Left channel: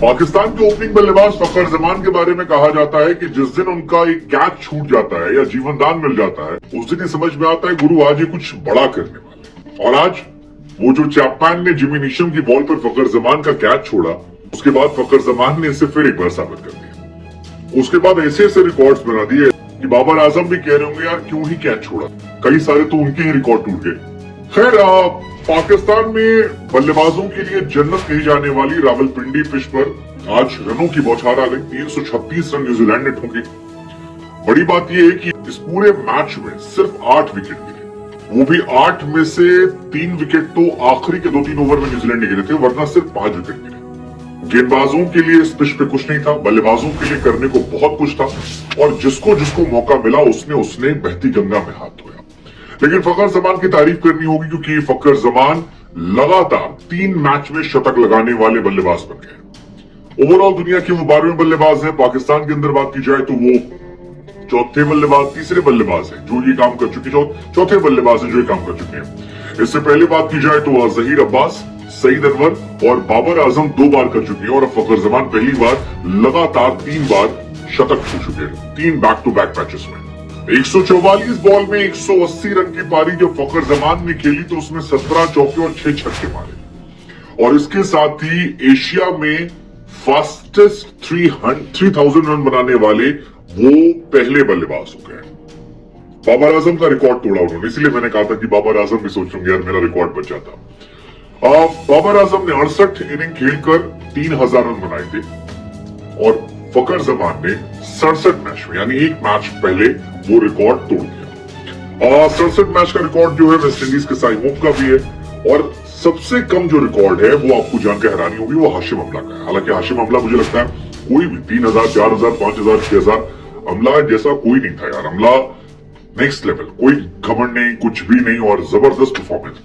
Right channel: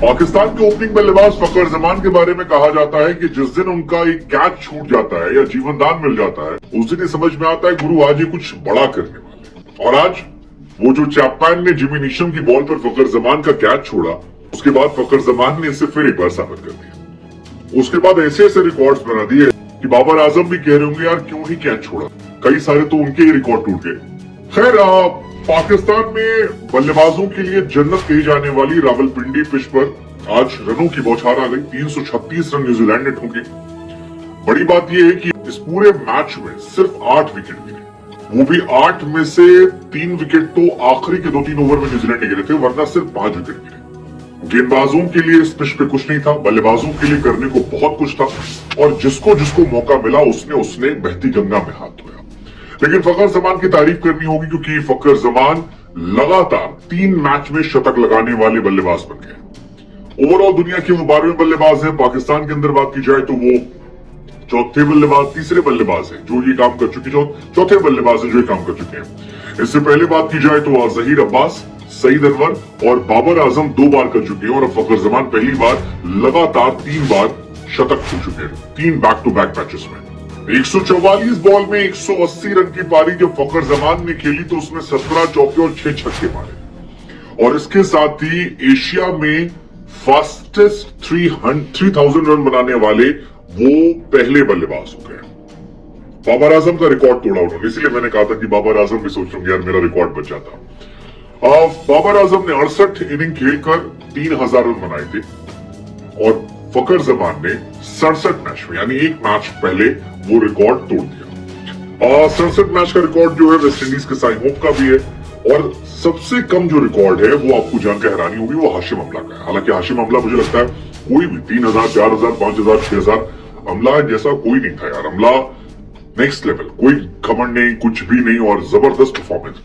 पाकिस्तान के ओपनिंग बल्लेबाज फखर जमान के बारे में कहा जाता है कि जिस दिन उनका एक कैच छूट जाता है या जीवन दान मिल जाता है, उस दिन ये समझ में आता है गुरु आज ये कुछ बड़ा करने वाले। और आज वो जो चैपमैन ने जिमी नीशम की बॉल पर फखर जमान का कैच छोड़ा, उसके बाद फखर जमान ने इसे फिर एक बार साबित कर दिया। उसके बाद ऐसे ऐसे रिकॉर्ड्स बना दिए कि बाबर आजम भी कह रहे होंगे यार क्यों ही कैच छोड़ा, कई सारे तो उनके ही रिकॉर्ड टूट गए। खैर, पाकिस्तान में बल्लेबाजों के लिए जन्नत कही जाने वाली रावलपिंडी पिच पर आज रनों की बौछार आ गई। 336 रन न्यूजीलैंड ने ठोके। बड़ी बात यह है कि इस पूरे मैच में सिर्फ 8 विकेट गिरे, वो भी 8 में से 3 विकेट तो आखिरी के 2-3 ओवर में न्यूजीलैंड ने गिरे थे, वरना सिर्फ 5 विकेट गिरे। गेंदबाजों के लिए इस पिच पे कुछ नहीं था, बल्लेबाजों के लिए करने को बहुत कुछ था और जिसको जिसको मौका मिला उसने बहती गंगा में हाथ धोया। लेकिन फखर जमान की तारीफ करनी होगी क्योंकि फखर जमान लगातार 3 मैच में शतक लगाने वाले बल्लेबाज बन गए। ओवरऑल दुनिया के वो 12वें बल्लेबाज हैं। पाकिस्तान के अंदर बात की जाए तो वो चौथे बल्लेबाज, तीसरे बल्लेबाज हैं जो ये काम कर चुके, चौथे बल्लेबाज हैं जो ये काम कर चुके हैं। इससे पहले बात की जाए तो जहीर अब्बास, सईद अनवर और बाबर आजम 2 बार कर चुके हैं और अब फखर जमान पहली बार लगातार 3 बार शतक छू चुके हैं, 3 बैक टू बैक मैचेस में। 144 बॉल में 180 रन की पारी जब फखर जमान ने खेली तो उसने 17 चौके और 6 छक्के मारे और इसके साथ ही एशिया में फास्टेस्ट 3000 रन बनाने वाले वो पहले बल्लेबाज हो गए। बाबर आजम का रिकॉर्ड तोड़ा उन्होंने, इसलिए मैंने कहा था कि बाबर आजम भी सोच रहे यार मेरा रिकॉर्ड बच जाता। बाबर आजम ने 68 इनिंग खेलकर 3000 रन बनाए थे और फखर जमान ने 67 मैच में, यानी एक मैच पहले वो रिकॉर्ड तोड़ दिया। 67 मैच का रिकॉर्ड जो है वेस्टइंडीज के साई होप का भी है और सबसे कम जो रिकॉर्ड है वो आपको जानकर हैरानी होगी, वो हाशिम अमला का है। हालांकि हाशिम अमला मुझे लगता है कोई भी 3000, 4000, 5000, 6000 अमला जैसा कोई नहीं था यार। अमला नेक्स्ट लेवल, कोई घमंड नहीं, कुछ भी नहीं और जबरदस्त परफॉर्मेंस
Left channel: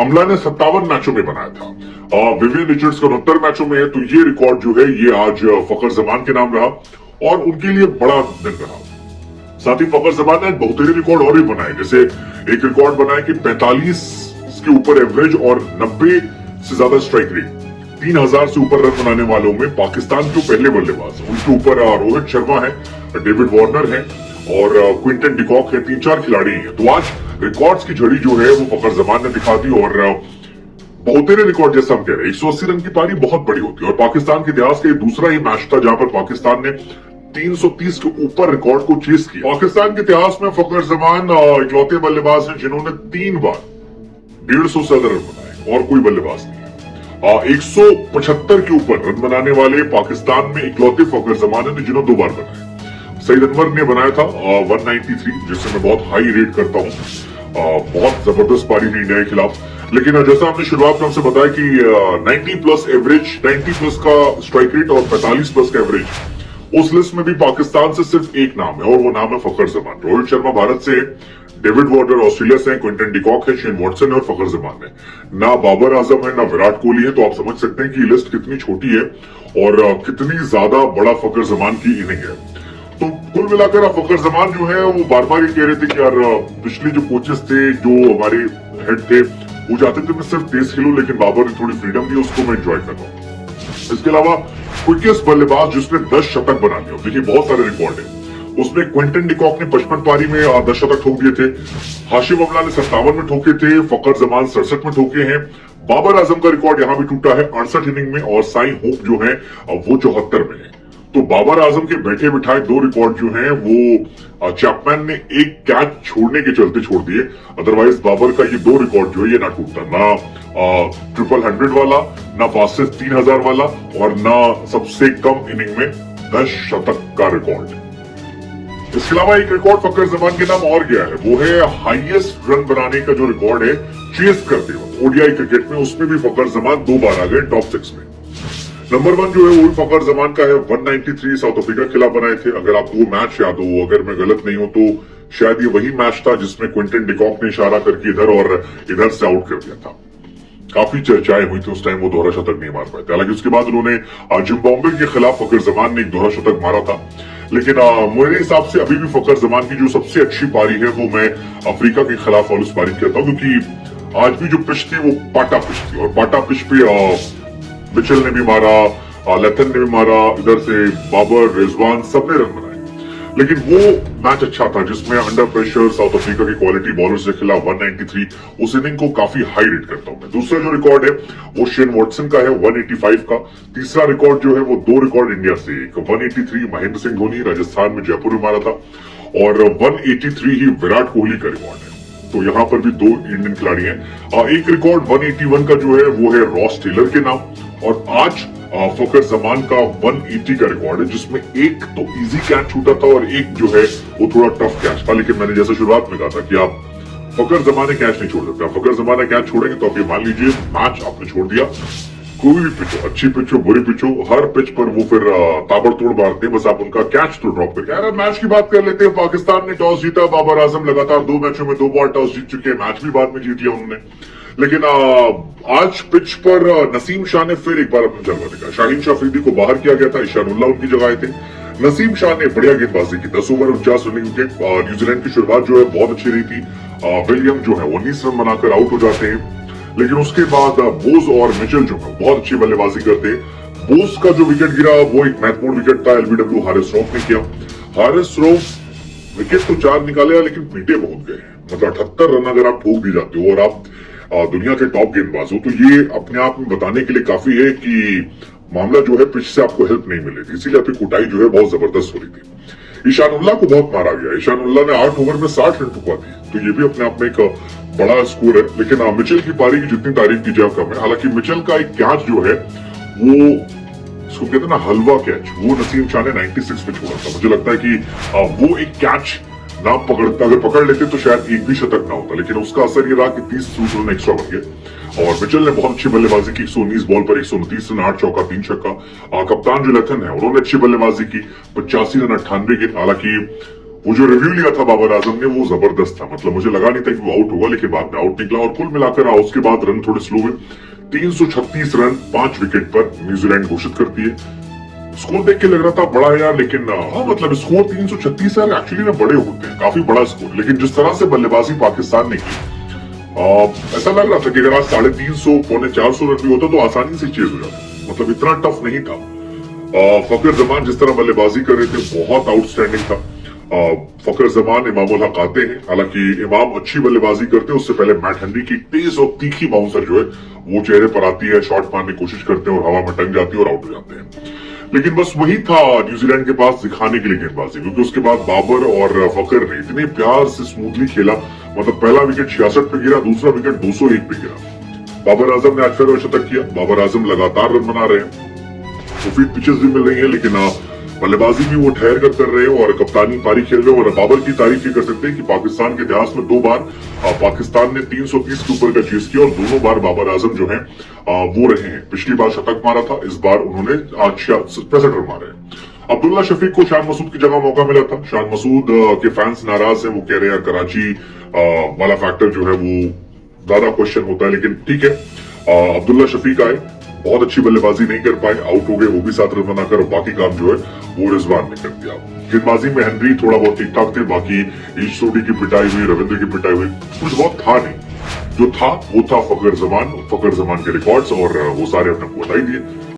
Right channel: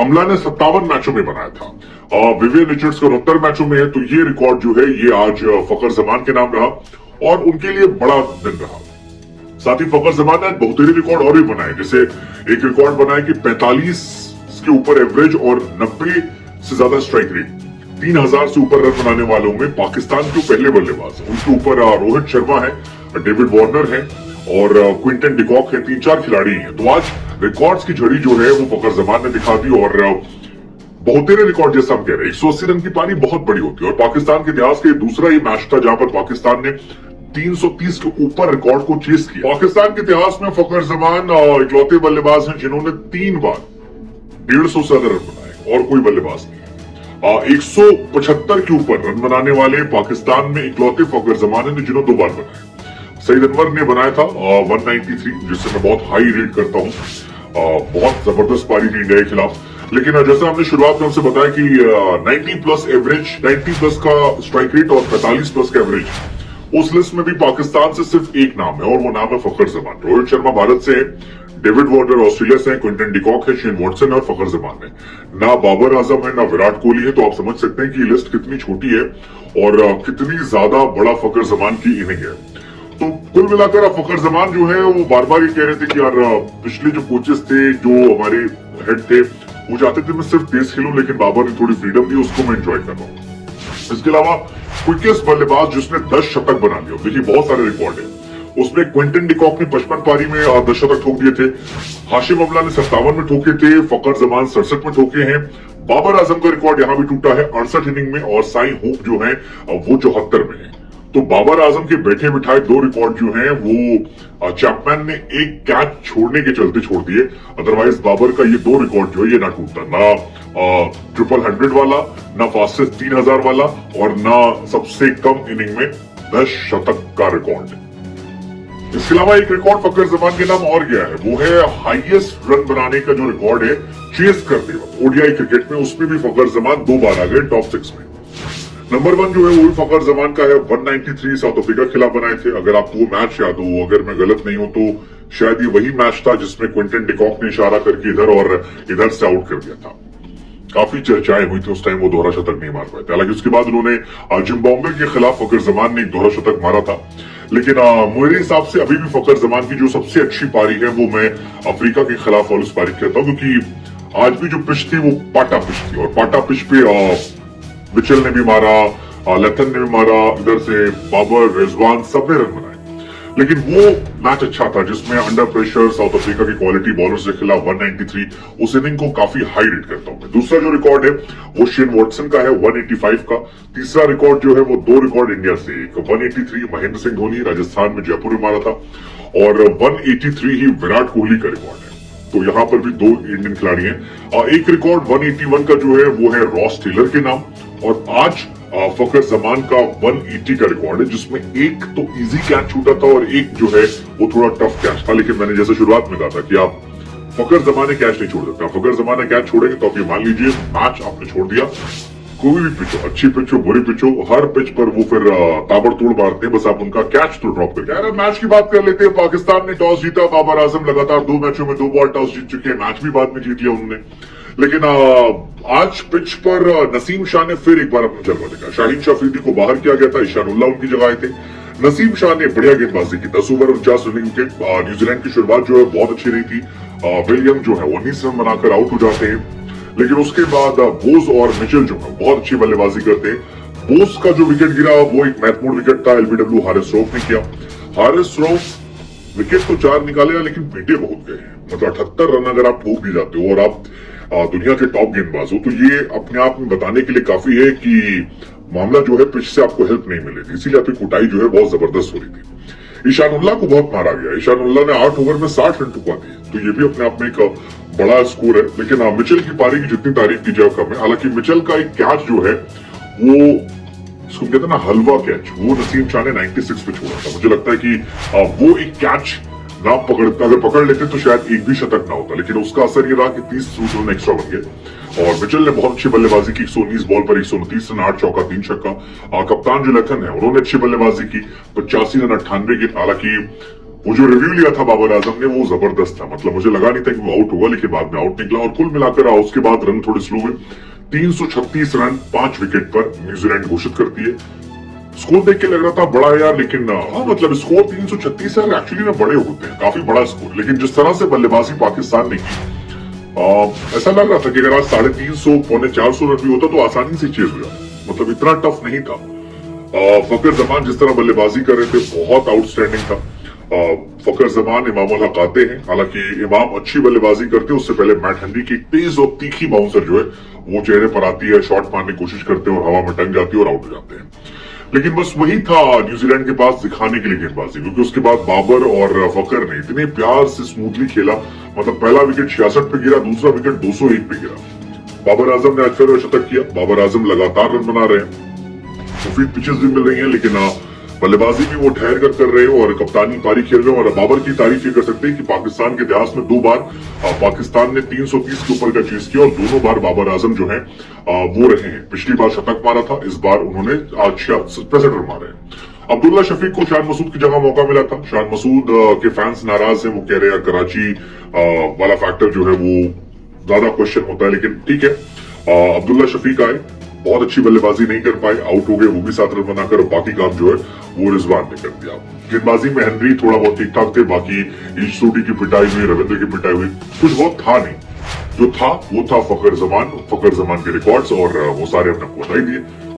अमला ने 57 मैचों में बनाया था। विवियन रिचर्ड्स का 69 मैचों में है, तो ये रिकॉर्ड जो है ये आज फखर जमान के नाम रहा और उनके लिए बड़ा दिन रहा। साथ ही फखर जमान ने आज बहुतेरे रिकॉर्ड और भी बनाए, जैसे एक रिकॉर्ड बनाया कि 45 के ऊपर एवरेज और 90 से ज्यादा स्ट्राइक रेट। 3000 से ऊपर रन बनाने वालों में पाकिस्तान के पहले बल्लेबाज हैं। उसके ऊपर रोहित शर्मा है, डेविड वार्नर है और क्विंटन डिकॉक है, 3-4 खिलाड़ी हैं। तो आज रिकॉर्ड्स की झड़ी जो है वो फखर जमान ने दिखा दी और बहुतेरे रिकॉर्ड जैसा हम कह रहे हैं। 180 रन की पारी बहुत बड़ी होती है और पाकिस्तान के इतिहास का दूसरा ही मैच था जहां पर पाकिस्तान ने 330 के ऊपर रिकॉर्ड को चेस किया। पाकिस्तान के इतिहास में फखर जमान इकलौते बल्लेबाज हैं जिन्होंने 3 बार 150 से ज्यादा रन बनाए और कोई बल्लेबाज नहीं है। 175 के ऊपर रन बनाने वाले पाकिस्तान में इकलौते फखर जमान ने जिन्होंने 2 बार बनाए। सईद अनवर ने बनाया था 193, जिससे मैं बहुत हाई रेट करता हूँ। बहुत जबरदस्त पारी थी इंडिया के खिलाफ। लेकिन जैसा हमने शुरुआत में हमसे बताया कि 90 प्लस एवरेज, 90 प्लस का स्ट्राइक रेट और 45 प्लस का एवरेज, उस लिस्ट में भी पाकिस्तान से सिर्फ एक नाम है और वो नाम है फखर जमान। रोहित शर्मा भारत से है, डेविड वार्नर ऑस्ट्रेलिया से है, क्विंटन डिकॉक है, शेन वॉटसन है और फखर जमान है। ना बाबर आजम है ना विराट कोहली है। तो आप समझ सकते हैं कि लिस्ट कितनी छोटी है और कितनी ज्यादा बड़ा फखर जमान की इनिंग है। तो कुल मिलाकर फखर जमान जो है वो बार बार ये कह रहे थे कि यार पिछले जो कोचेस थे, जो हमारे हेड थे, वो चाहते थे मैं सिर्फ तेज खेलूं, लेकिन बाबर ने थोड़ी फ्रीडम दी, उसको मैं एंजॉय कर रहा हूँ। इसके अलावा क्विकेस्ट बल्लेबाज जिसने 10 शतक बना लिए, देखिए बहुत सारे रिकॉर्ड है उसमें। क्विंटन डिकॉक ने 55 पारी में 10 शतक ठोक दिए थे। हाशिम अमला ने 57 में ठोके थे, फखर जमान 67 में ठोके हैं। बाबर आजम का रिकॉर्ड यहाँ भी टूटा है 68 इनिंग में और साई होप जो है वो 74 में है। तो बाबर आजम के बैठे बिठाए 2 रिकॉर्ड जो हैं वो चैपमैन ने एक कैच छोड़ने के चलते छोड़ दिए। अदरवाइज बाबर का ये 2 रिकॉर्ड जो है ये ना टूटता, ना 100 वाला, ना फास्टेस्ट 3000 वाला और ना सबसे कम इनिंग में 10 शतक का रिकॉर्ड। इसके अलावा एक रिकॉर्ड फखर जमान के नाम और गया है, वो है हाईएस्ट रन बनाने का जो रिकॉर्ड है चेस करते हुए ओडीआई क्रिकेट में। उसमें भी फखर जमान 2 बार आ गए टॉप 6 में। नंबर 1 जो है वो फखर जमान का है, 193 साउथ अफ्रीका के खिलाफ बनाए थे। अगर आपको वो मैच याद हो, अगर मैं गलत नहीं हूं तो शायद ये वही मैच था जिसमें क्विंटन डिकॉक ने इशारा करके इधर और इधर से आउट कर दिया था। काफी चर्चाएं हुई थी उस टाइम, वो दोहरा शतक नहीं मार पाए थे। हालांकि उसके बाद उन्होंने जिम्बाब्वे के खिलाफ फखर जमान ने एक दोहरा शतक मारा था। लेकिन मेरे हिसाब से अभी भी फखर जमान की जो सबसे अच्छी पारी है वो मैं अफ्रीका के खिलाफ वाली पारी कहता हूँ, क्योंकि आज भी जो पिच थी वो पाटा पिच थी और पाटा पिच पे मिचेल ने भी मारा, लथन ने भी मारा, इधर से बाबर, रिजवान सबने रन बनाए। लेकिन वो मैच अच्छा था जिसमें अंडर प्रेशर साउथ अफ्रीका की क्वालिटी बॉलर से खिला 193, उस इनिंग को काफी हाई रेट करता हूं मैं। दूसरा जो रिकॉर्ड है वो शेन वॉटसन का है 185 का। तीसरा रिकॉर्ड जो है वो 2 रिकॉर्ड इंडिया से, एक 183 महेंद्र सिंह धोनी राजस्थान में जयपुर में मारा था और 183 ही विराट कोहली का रिकॉर्ड है। तो यहाँ पर भी 2 इंडियन खिलाड़ी हैं। एक रिकॉर्ड 181 का जो है वो है रॉस टेलर के नाम, और आज फकर जमान का 180 का रिकॉर्ड है जिसमें एक तो इजी कैच छूटा था और एक जो है वो थोड़ा टफ कैच था। लेकिन मैंने जैसे शुरुआत में कहा था कि आप फकर जमाने कैच नहीं छोड़ सकते। फकर जमाने कैच छोड़ेंगे तो आप ये मान लीजिए मैच आपने छोड़ दिया। कोई भी पिच हो, अच्छी पिच हो, बुरी पिच हो, हर पिच पर वो फिर ताबड़तोड़ मारते हैं, बस आप उनका कैच तो ड्रॉप करिए। यार मैच की बात कर लेते हैं। पाकिस्तान ने टॉस जीता, बाबर आजम लगातार 2 मैचों में 2 बॉल टॉस जीत चुके हैं, मैच भी बाद में जीत लिया उन्होंने। लेकिन आज पिच पर नसीम शाह ने फिर एक बार अपना जलवा दिखाया। शाहीन शाह अफरीदी को बाहर किया गया था, ईशानुल्लाह उनकी जगह आए थे। नसीम शाह ने बढ़िया गेंदबाजी की, 10 ओवर 49 रन के। न्यूजीलैंड की शुरुआत जो है बहुत अच्छी रही थी। विलियम जो है 19 रन बनाकर आउट हो जाते हैं। लेकिन उसके बाद बोस और मिचेल जो है बहुत अच्छी बल्लेबाजी करते हैं। बोस का जो विकेट गिरा वो एक महत्वपूर्ण विकेट था, एलबीडब्ल्यू हारिस रऊफ ने किया। हारिस रऊफ विकेट तो 4 निकाले लेकिन पीटे बहुत गए। मतलब 78 रन अगर आप ठोक दी जाते हो और आप दुनिया के टॉप गेंदबाज हो, तो ये अपने आप में बताने के लिए काफी है कि मामला जो है पिच से आपको हेल्प नहीं मिली थी, इसीलिए आपकी कुटाई जो है बहुत जबरदस्त हो रही थी। ईशानुल्लाह को बहुत मारा गया। ईशानुल्लाह ने 8 ओवर में 60 रन टुकवा दिए, तो ये भी अपने आप में एक बड़ा स्कोर है। लेकिन मिचेल की पारी की जितनी तारीफ की जाए कम है। हालांकि मिचेल का एक कैच जो है वो उसको कहते हैं ना हलवा कैच, वो नसीम शाह ने 96 में छोड़ा था। मुझे लगता है कि वो एक कैच ना पकड़ता, अगर पकड़ लेते तो शायद एक भी शतक ना होता। लेकिन उसका असर ये रहा कि 30 रन एक्स्ट्रा हो गए और मिचेल ने बहुत अच्छी बल्लेबाजी की। 119 बॉल पर 129 रन, 8 चौका 3 छक्का। कप्तान जो लथन है उन्होंने अच्छी बल्लेबाजी की, 85 रन 98 गेंद। हालांकि वो जो रिव्यू लिया था बाबर आजम ने वो जबरदस्त था। मतलब मुझे लगा नहीं था कि वो आउट होगा, लेकिन बाद में आउट निकला और कुल मिलाकर उसके बाद रन थोड़े स्लो हुए। 336 रन 5 विकेट पर न्यूजीलैंड घोषित करती है। स्कोर देख के लग रहा था बड़ा यार, लेकिन मतलब स्कोर 336 है एक्चुअली ना बड़े होते हैं, काफी बड़ा स्कोर। लेकिन जिस तरह से बल्लेबाजी पाकिस्तान ने की, ऐसा लग रहा था कि अगर आज 350 पौने 400 रन भी होता तो आसानी से चेज हो जाता। मतलब इतना टफ नहीं था। फकर जमान जिस तरह बल्लेबाजी कर रहे थे बहुत आउटस्टैंडिंग था। फकर जमान इमाम उल हक आते हैं, हालांकि इमाम अच्छी बल्लेबाजी करते हैं। उससे पहले मैट हेनरी की तेज और तीखी बाउंसर जो है वो चेहरे पर आती है, शॉट मारने की कोशिश करते हैं और हवा में टंग जाती है और आउट हो जाते हैं। लेकिन बस वही था न्यूजीलैंड के पास दिखाने के लिए गेंदबाजी, क्योंकि उसके बाद बाबर और फकर ने इतने प्यार से स्मूथली खेला। मतलब पहला विकेट 66 पे गिरा, दूसरा विकेट 201 पे गिरा। बाबर आजम ने आज फिर शतक किया। बाबर आजम लगातार रन बना रहे हैं, मुफीद पिचेस भी मिल रही है, लेकिन बल्लेबाजी भी वो ठहर कर रहे हो और कप्तानी पारी खेल रहे हो। और बाबर की तारीफ ये कर सकते हैं कि पाकिस्तान के इतिहास में 2 बार पाकिस्तान ने 330 के ऊपर का चेस किया और दोनों बार बाबर आजम जो है वो रहे हैं। पिछली बार शतक मारा था, इस बार उन्होंने आज 65 रन मारे। अब्दुल्ला शफीक को शान मसूद की जगह मौका मिला था। शान मसूद के फैंस नाराज है, वो कह रहे हैं कराची वाला फैक्टर जो है वो ज्यादा क्वेश्चन होता है, लेकिन ठीक है। अब्दुल्ला शफीक आए, बहुत अच्छी बल्लेबाजी नहीं कर पाए, आउट हो गए, वो भी 7 रन बनाकर। बाकी काम जो है वो रिजवान ने कर दिया। गेंदबाजी में हेनरी थोड़ा बहुत ठीक ठाक थे, बाकी ईश सोडी की पिटाई हुई, रविंद्र की पिटाई हुई, कुछ बहुत था नहीं। जो था वो था फकर जमान के रिकॉर्ड्स और वो सारे अपने बताई दिए।